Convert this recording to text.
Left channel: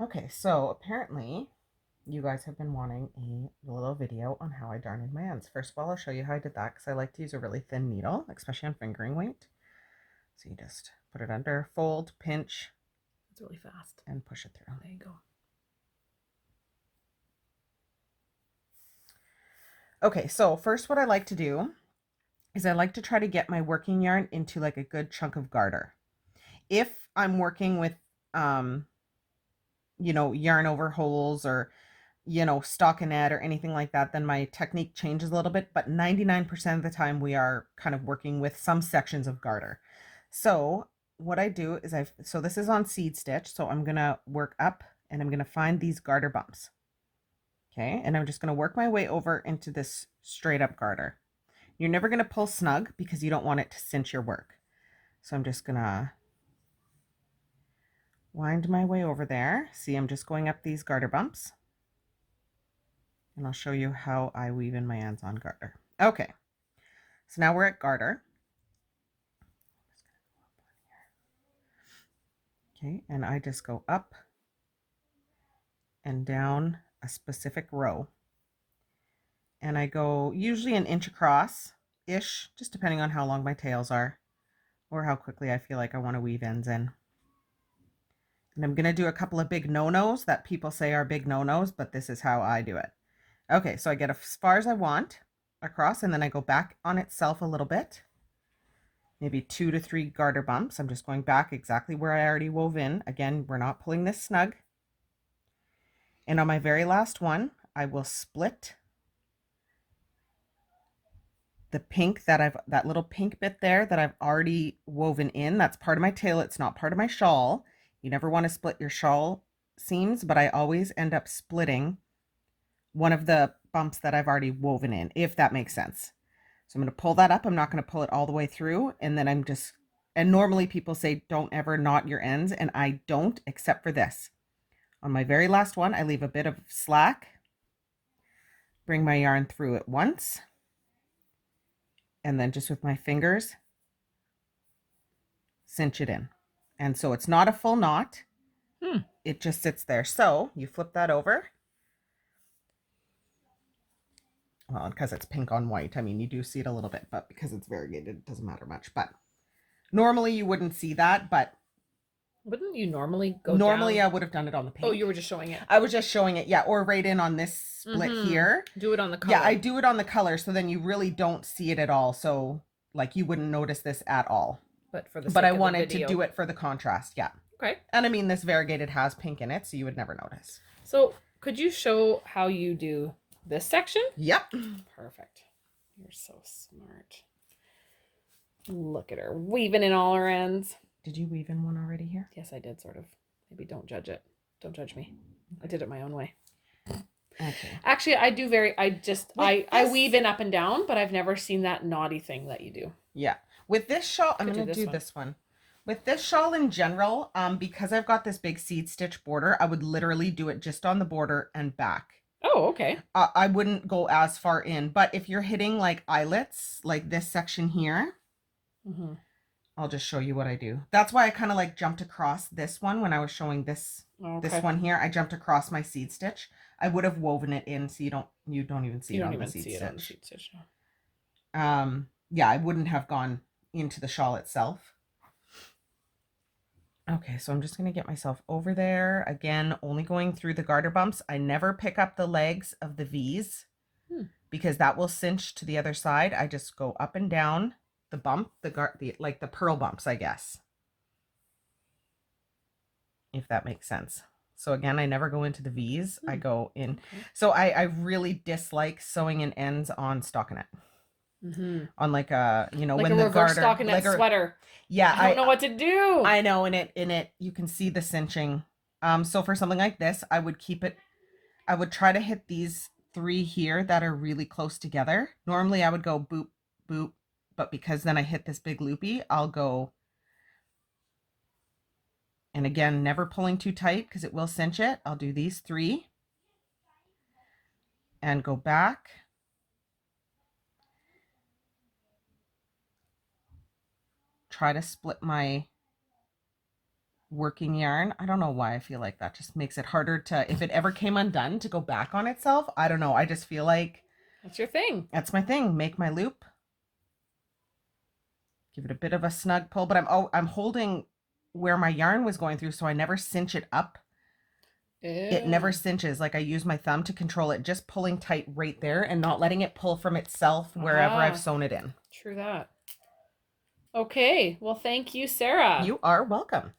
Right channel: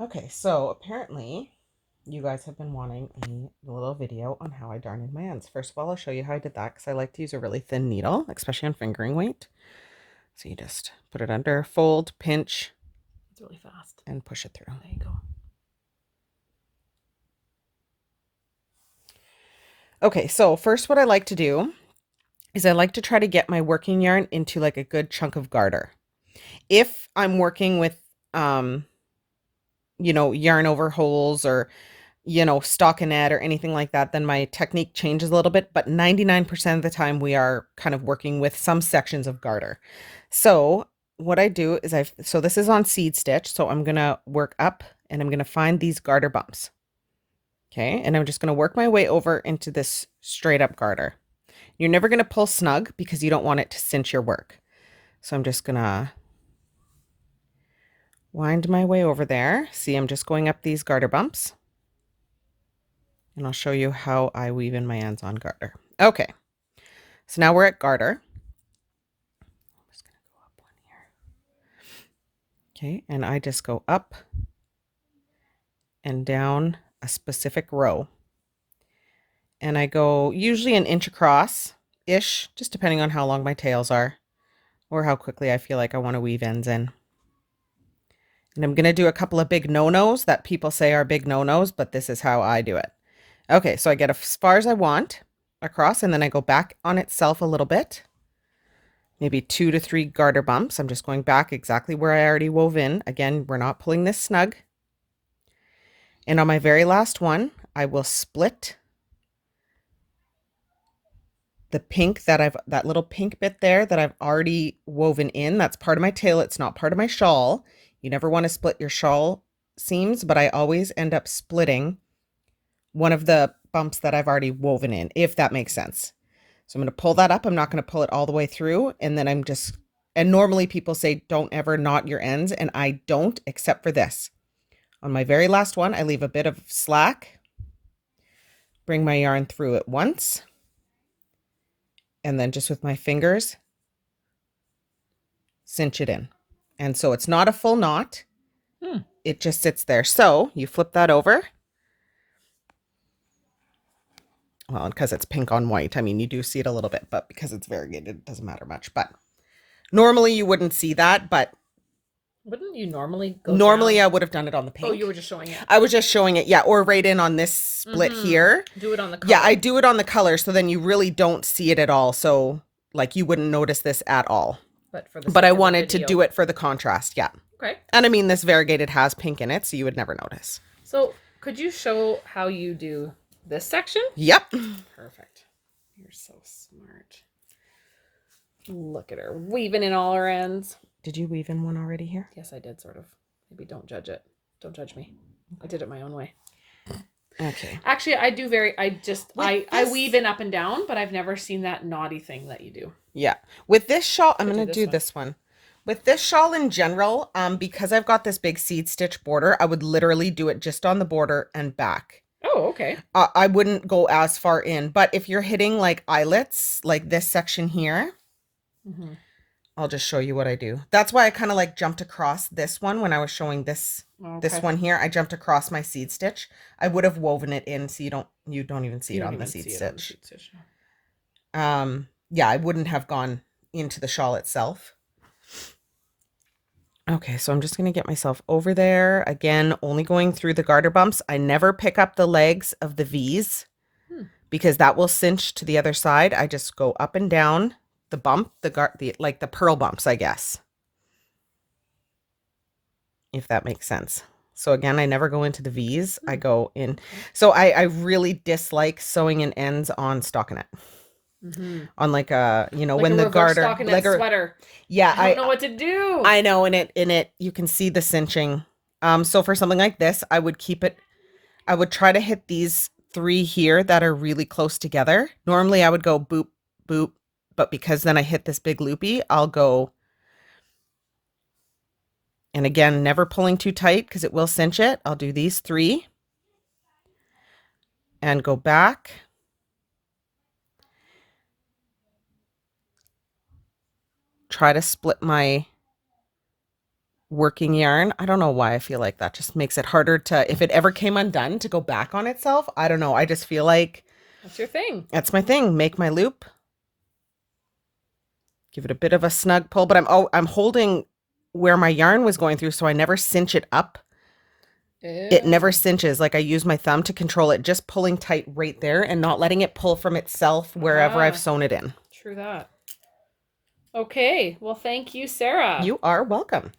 Okay, so apparently you guys have been wanting a little video on how I darn in my ends. First of all, I'll show you how I did that because I like to use a really thin needle, especially on fingering weight. So you just put it under, fold, pinch. It's really fast. And push it through. There you go. Okay, so first what I like to do is I like to try to get my working yarn into like a good chunk of garter. If I'm working with, yarn over holes or stockinette or anything like that, then my technique changes a little bit, but 99% of the time we are kind of working with some sections of garter. So what I do is so this is on seed stitch, so I'm going to work up and I'm going to find these garter bumps. Okay, and I'm just going to work my way over into this straight up garter. You're never going to pull snug because you don't want it to cinch your work. So I'm just going to wind my way over there. See, I'm just going up these garter bumps. And I'll show you how I weave in my ends on garter. Okay, so now we're at garter. I'm just going to go up one here. Okay, and I just go up and down a specific row. And I go usually an inch across-ish, just depending on how long my tails are or how quickly I feel like I want to weave ends in. And I'm going to do a couple of big no-nos that people say are big no-nos, but this is how I do it. Okay, so I get as far as I want across, and then I go back on itself a little bit. Maybe 2 to 3 garter bumps. I'm just going back exactly where I already wove in. Again, we're not pulling this snug. And on my very last one, I will split the pink that little pink bit there that I've already woven in. That's part of my tail. It's not part of my shawl. You never want to split your shawl seams, but I always end up splitting one of the bumps that I've already woven in, if that makes sense. So I'm going to pull that up. I'm not going to pull it all the way through. And then and normally people say, don't ever knot your ends. And I don't, except for this. On my very last one, I leave a bit of slack, bring my yarn through it once, and then just with my fingers, cinch it in. And so it's not a full knot. It just sits there. So you flip that over. Well, because it's pink on white. I mean, you do see it a little bit, but because it's variegated, it doesn't matter much. But normally you wouldn't see that, but wouldn't you normally go normally down? I would have done it on the pink. Oh, you were just showing it. I was just showing it, yeah, or right in on this split here. Do it on the color. Yeah, I do it on the color, so then you really don't see it at all. So like you wouldn't notice this at all. But I wanted to do it for the contrast, yeah. Okay. And I mean, this variegated has pink in it, so you would never notice. So could you show how you do this section? Yep. Perfect. You're so smart. Look at her weaving in all her ends. Did you weave in one already here? Yes, I did, sort of. Maybe don't judge it. Don't judge me. I did it my own way. Okay. Actually, I weave in up and down, but I've never seen that naughty thing that you do. Yeah. With this shawl, I'm going to do this one. With this shawl in general, because I've got this big seed stitch border, I would literally do it just on the border and back. Oh, okay. I wouldn't go as far in, but if you're hitting like eyelets, like this section here, I'll just show you what I do. That's why I kind of like jumped across this one when I was showing this this one here. I jumped across my seed stitch. I would have woven it in so you don't even see it on the seed stitch. Yeah, I wouldn't have gone into the shawl itself. Okay, so I'm just going to get myself over there. Again, only going through the garter bumps. I never pick up the legs of the V's because that will cinch to the other side. I just go up and down the bump, like the purl bumps, I guess. If that makes sense. So again, I never go into the V's. I go in. Okay. So I really dislike sewing in ends on stockinette. On like a, like when the garter stockinette like sweater. Yeah, I don't know what to do. I know, in it you can see the cinching. So for something like this, I would try to hit these 3 here that are really close together. Normally I would go boop, boop, but because then I hit this big loopy, I'll go. And again, never pulling too tight because it will cinch it. I'll do these 3 and go back. Try to split my working yarn. I don't know why I feel like that just makes it harder to, if it ever came undone, to go back on itself. I don't know. I just feel like That's your thing. that's my thing. Make my loop. Give it a bit of a snug pull, but I'm holding where my yarn was going through, so I never cinch it up. It never Ew. cinches. Like I use my thumb to control it, just pulling tight right there and not letting it pull from itself wherever I've sewn it in. True that. Okay. Well, thank you, Sarah. You are welcome.